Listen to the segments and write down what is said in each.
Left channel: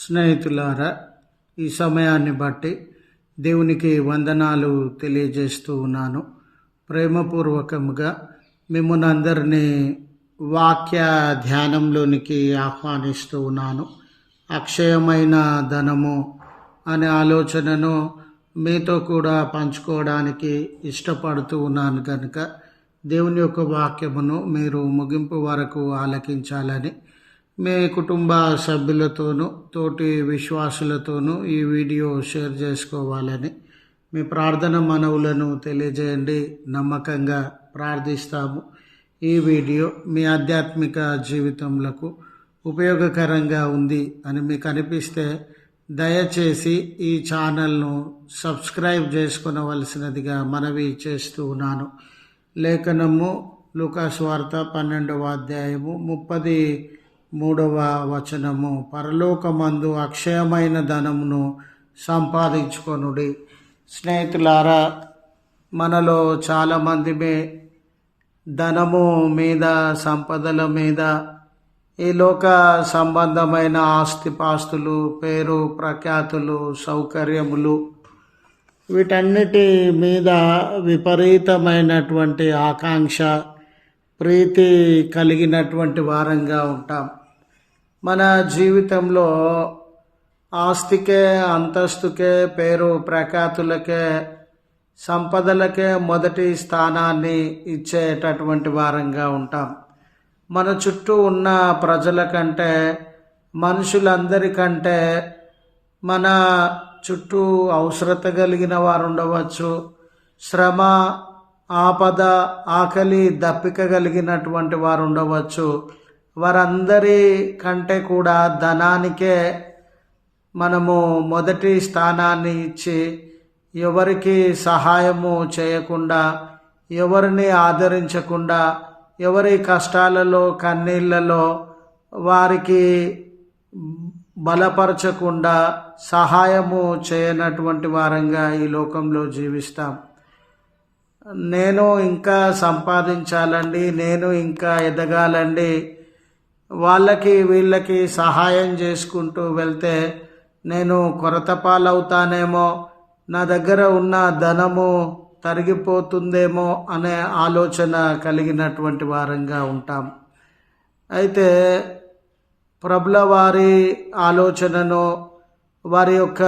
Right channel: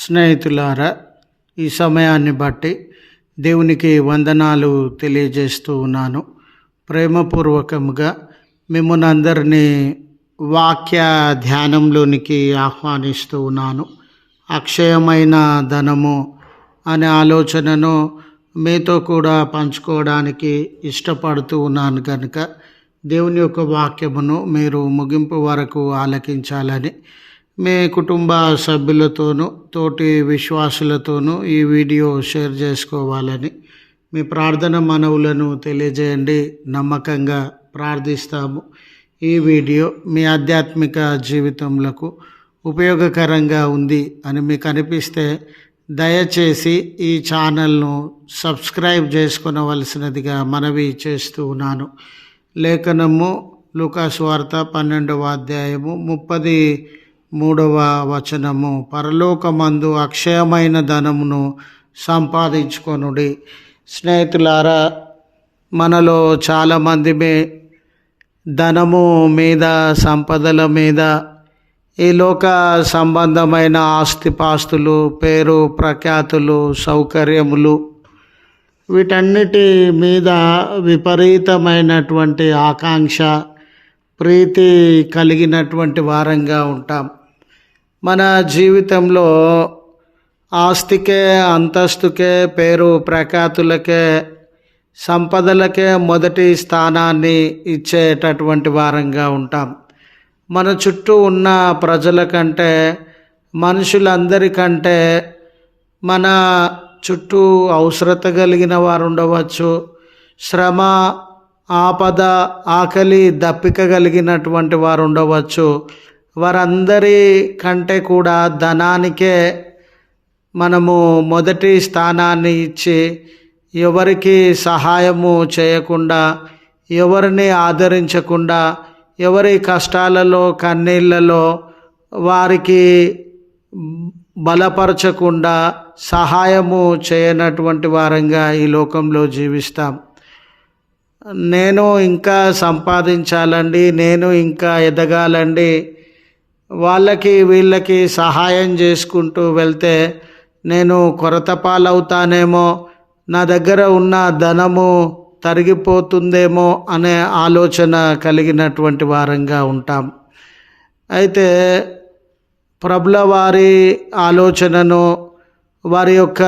స్నేహితులారా, ఈ సమయాన్ని బట్టి దేవునికి వందనాలు తెలియజేస్తూ ఉన్నాను. ప్రేమపూర్వకముగా మిమ్మల్ని అందరినీ వాక్య ధ్యానంలోనికి ఆహ్వానిస్తూ ఉన్నాను. అక్షయమైన ధనము అనే ఆలోచనను మీతో కూడా పంచుకోవడానికి ఇష్టపడుతూ ఉన్నాను కనుక దేవుని యొక్క వాక్యమును మీరు ముగింపు వరకు ఆలకించాలని మీ కుటుంబ సభ్యులతోనూ తోటి విశ్వాసులతోనూ ఈ వీడియో షేర్ చేసుకోవాలని మీ ప్రార్థన మనవులను తెలియజేయండి. నమ్మకంగా ప్రార్థిస్తాము. ఈ వీడియో మీ ఆధ్యాత్మిక జీవితంలో ఉపయోగకరంగా ఉంది అని మీకు అనిపిస్తే దయచేసి ఈ ఛానల్ను సబ్స్క్రైబ్ చేసుకొనవలసినదిగా మనవి చేస్తూ ఉన్నాను. లేఖనము లూకాసు వార్త 12వ అధ్యాయము 33వ వచనము, పరలోకమందు అక్షయమైన ధనమును సంపాదించుకొనుడి. స్నేహితులారా, మనలో చాలామంది ధనము మీద, సంపదల మీద, ఈ లోక సంబంధమైన ఆస్తిపాస్తులు, పేరు ప్రఖ్యాతులు, సౌకర్యములు, వీటన్నిటి మీద విపరీతమైనటువంటి ఆకాంక్ష, ప్రీతి కలిగినటువంటి వారంగా ఉంటాం. మన జీవితంలో ఆస్తికే, అంతస్తుకే, పేరు ప్రఖ్యాతులకే, సంపదలకే మొదటి స్థానాన్ని ఇచ్చేటటువంటి వారంగా ఉంటాం. మన చుట్టూ ఉన్న ప్రజల కంటే, మనుషులందరికంటే మన చుట్టూ అవసరత కలిగిన వారు ఉండవచ్చు, శ్రమ, ఆపద, ఆకలి, దప్పిక కలిగినటువంటి వారు ఉండవచ్చు. వారందరి కంటే కూడా ధనానికే మనము మొదటి స్థానాన్ని ఇచ్చి ఎవరికి సహాయము చేయకుండా, ఎవరిని ఆదరించకుండా, ఎవరి కష్టాలలో, కన్నీళ్లలో వారికి బలపరచకుండా, సహాయము చేయనటువంటి వారంగా ఈ లోకంలో జీవిస్తాం. నేను ఇంకా సంపాదించాలండి, నేను ఇంకా ఎదగాలండి, వాళ్ళకి వీళ్ళకి సహాయం చేసుకుంటూ వెళ్తే నేను కొరత పాలవుతానేమో, నా దగ్గర ఉన్న ధనము తరిగిపోతుందేమో అనే ఆలోచన కలిగినటువంటి వారంగా ఉంటాం. అయితే ప్రభుల వారి ఆలోచనను, వారి యొక్క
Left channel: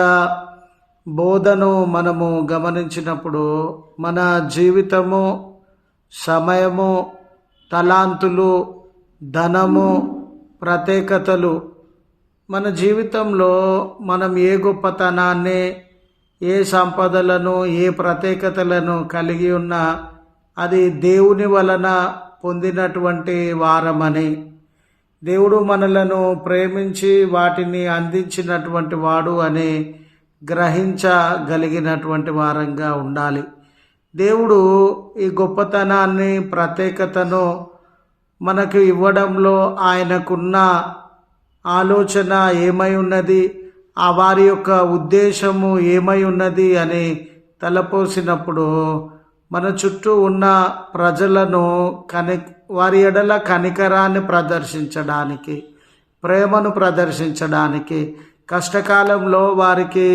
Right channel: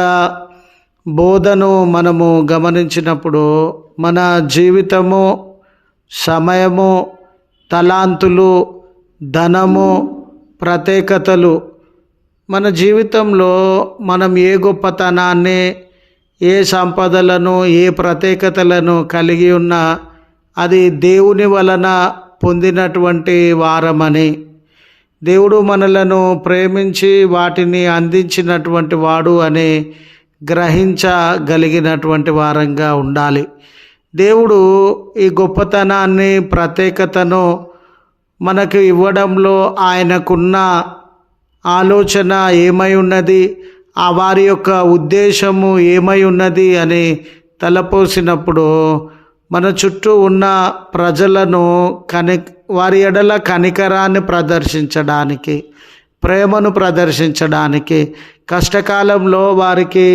బోధను మనము గమనించినప్పుడు మన జీవితము, సమయము, తలాంతులు, ధనము, ప్రత్యేకతలు, మన జీవితంలో మనం ఏ గొప్పతనాన్ని, ఏ సంపదలను, ఏ ప్రత్యేకతలను కలిగి ఉన్నా అది దేవుని వలన పొందినటువంటి వారమని, దేవుడు మనలను ప్రేమించి వాటిని అందించినటువంటి వాడు అని గ్రహించగలిగినటువంటి వారంగా ఉండాలి. దేవుడు ఈ గొప్పతనాన్ని, ప్రత్యేకతను మనకు ఇవ్వడంలో ఆయనకున్న ఆలోచన ఏమై ఉన్నది, ఆ వారి యొక్క ఉద్దేశము ఏమై ఉన్నది అని తలపోసినప్పుడు మన చుట్టూ ఉన్న ప్రజలను వారి ఎడల కనికరాన్ని ప్రదర్శించడానికి, ప్రేమను ప్రదర్శించడానికి, కష్టకాలంలో వారికి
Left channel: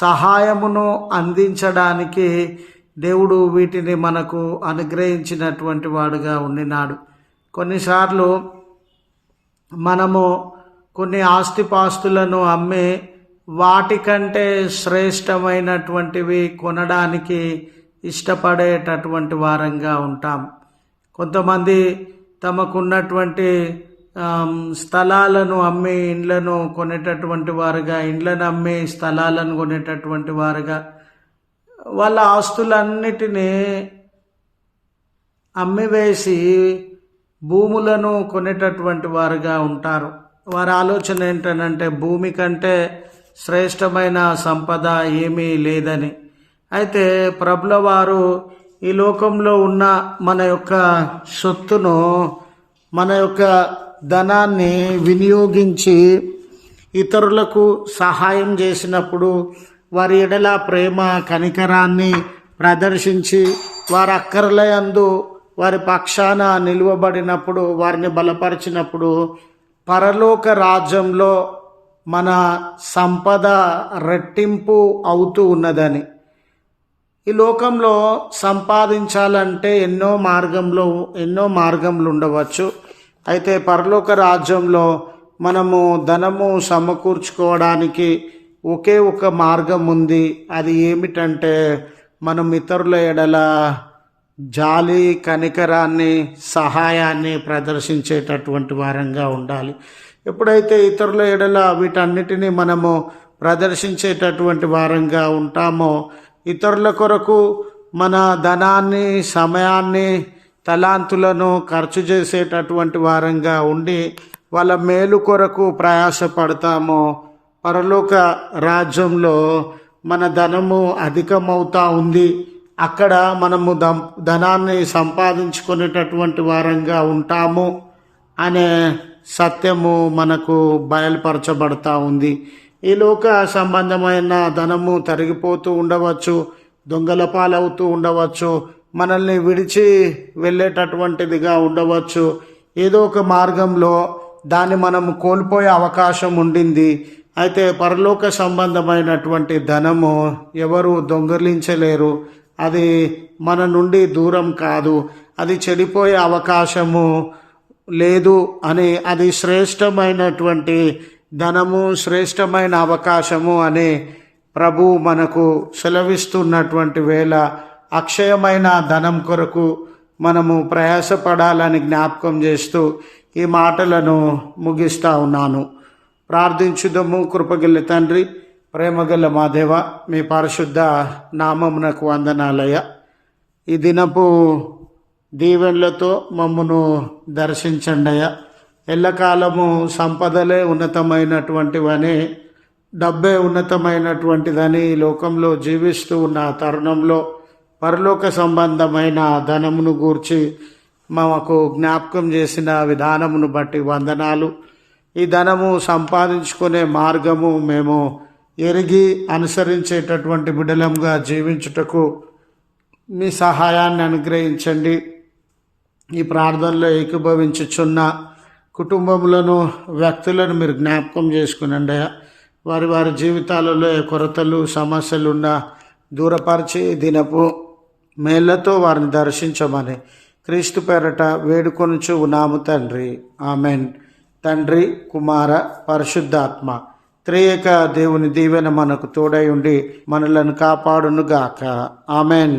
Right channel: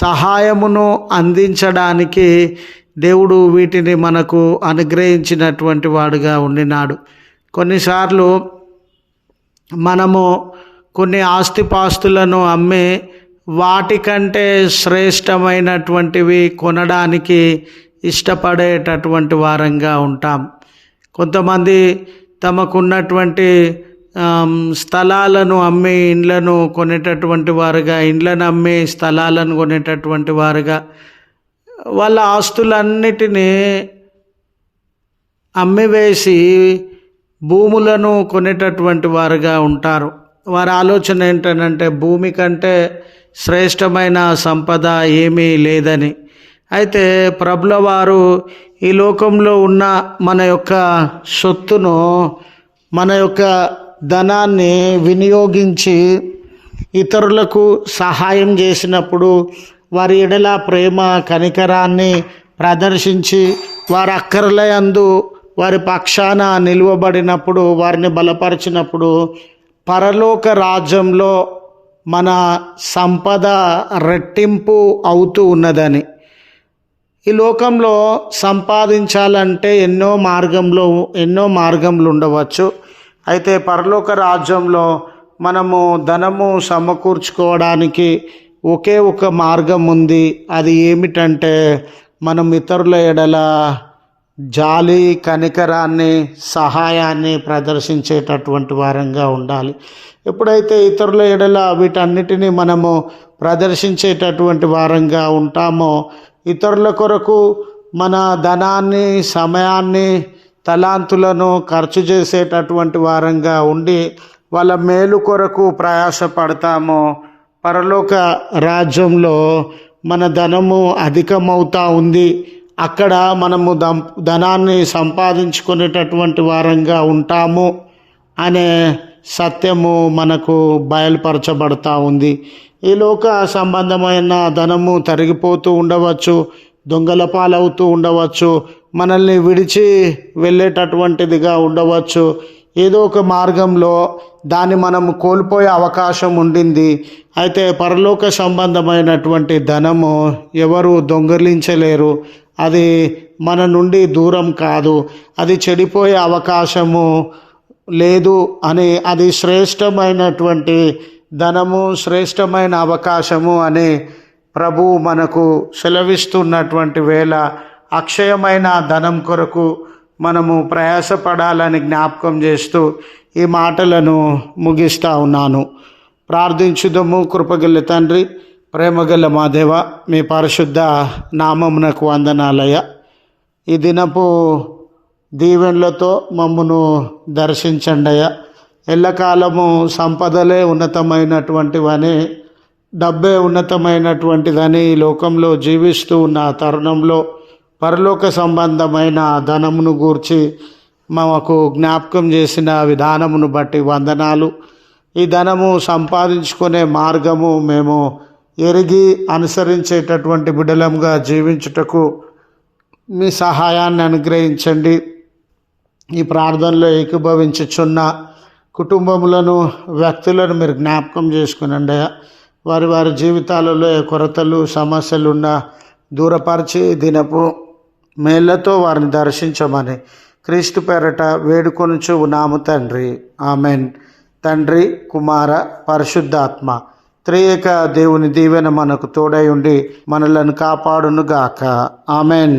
సహాయమును అందించడానికి దేవుడు వీటిని మనకు అనుగ్రహించినటువంటి వాడుగా ఉండినాడు. కొన్నిసార్లు మనము కొన్ని ఆస్తిపాస్తులను అమ్మి వాటికంటే శ్రేష్టమైనటువంటివి కొనడానికి ఇష్టపడేటటువంటి వారంగా ఉంటాం. కొంతమంది తమకున్నటువంటి స్థలాలను అమ్మి ఇండ్లను కొనేటటువంటి వారుగా, ఇండ్లను అమ్మి స్థలాలను కొనేటటువంటి వారుగా, వాళ్ళ ఆస్తులన్నిటినీ అమ్మివేసి భూములను కొనేటటువంటి వారుగా ఉంటారు. వారి ఆలోచన ఏంటంటే భూమి కంటే శ్రేష్టమైన సంపద ఏమీ లేదని. అయితే ప్రభుల వారు ఈ లోకంలో ఉన్న మన యొక్క సొత్తును, మన యొక్క ధనాన్ని వినియోగించి ఇతరులకు సహాయం చేసినప్పుడు, వారి ఎడల ప్రేమ, కనికరాన్ని ప్రదర్శించి వారి అక్కరల యందు వారి పక్షాన నిలువబడినప్పుడు, వారిని బలపరిచినప్పుడు పరలోక రాజ్యంలో మన సంపద రెట్టింపు అవుతూ ఉన్నదని. ఈ లోకంలో సంపాదించాలంటే ఎన్నో మార్గంలు ఉండవచ్చు. అయితే పరలోక రాజ్యంలో మనము ధనము సమకూర్చుకోవడానికి ఒకే ఒక మార్గం ఉంది. అది ఏమిటంటే మనం ఇతరుల ఎడల జాలి, కనికరాన్ని, సహాయాన్ని ప్రదర్శించేటటువంటి వారంగా ఉండాలి. ఎప్పుడైతే ఇతరుల ఎడల వీటన్నిటినీ మనము ప్రదర్శించేటటువంటి వారంగా ఉంటామో, ఇతరుల కొరకు మన ధనాన్ని, సమయాన్ని, తలాంతులను ఖర్చు చేసేటటువంటి వారంగా ఉండి వాళ్ళ మేలు కొరకు ప్రయాసపడతామో, పరలోక రాజ్యంలో మన ధనము అధికమవుతూ ఉంది. అక్కడ మనము ధనాన్ని సంపాదించుకునేటటువంటి వారంగా ఉంటాము అనే సత్యము మనకు బయలుపరచబడతా ఉంది. ఈ లోక సంబంధమైన ధనము తరిగిపోతూ ఉండవచ్చు, దొంగల పాలవుతూ ఉండవచ్చు, మనల్ని విడిచి వెళ్ళేటటువంటిదిగా ఉండవచ్చు. ఏదో ఒక మార్గంలో దాన్ని మనము కోల్పోయే అవకాశం ఉండింది. అయితే పరలోక సంబంధమైనటువంటి ధనము ఎవరు దొంగిలించలేరు. అది మన నుండి దూరం కాదు, అది చెడిపోయే అవకాశము లేదు అని, అది శ్రేష్టమైనటువంటి ధనము, శ్రేష్టమైన అవకాశము అని ప్రభువు మనకు సెలవిస్తున్నటువంటి వేళ అక్షయమైన ధనం కొరకు మనము ప్రయాసపడాలని జ్ఞాపకం చేస్తూ ఈ మాటలను ముగిస్తూ ఉన్నాను. ప్రార్థించుదము. కృపగల తండ్రి, ప్రేమగల మా దేవ, మీ పరిశుద్ధ నామమునకు వందనాలయ. ఈ దినపు దీవెనలతో మమ్మను దర్శించండియా. ఎల్లకాలము సంపదలే ఉన్నతమైనటువంటివని, డబ్బే ఉన్నతమైనటువంటిదని ఈ లోకంలో జీవిస్తూ ఉన్న తరుణంలో పరలోక సంబంధమైన ధనమును గూర్చి మాకు జ్ఞాపకం చేసిన విధానమును బట్టి వందనాలు. ఈ ధనము సంపాదించుకునే మార్గము మేము ఎరిగి అనుసరించేటటువంటి బిడ్డలంగా జీవించుటకు మీ సహాయాన్ని అనుగ్రహించండి. ఈ ప్రార్థనలో ఏకీభవించుచున్న కుటుంబములను, వ్యక్తులను మీరు జ్ఞాపకం చేసుకునండి. వారి జీవితాలలో ఏ కొరతలు, సమస్యలున్నా దూరపరిచి దినపు మేళ్లతో వారిని దర్శించమని క్రీస్తు పేరట వేడుకొనుచు ఉన్నాము తండ్రి. ఆమెన్. తండ్రి, కుమార, పరిశుద్ధాత్మ త్రియేక దేవుని దీవెన మనకు తోడై ఉండి మనలను కాపాడునుగాక. ఆమెన్.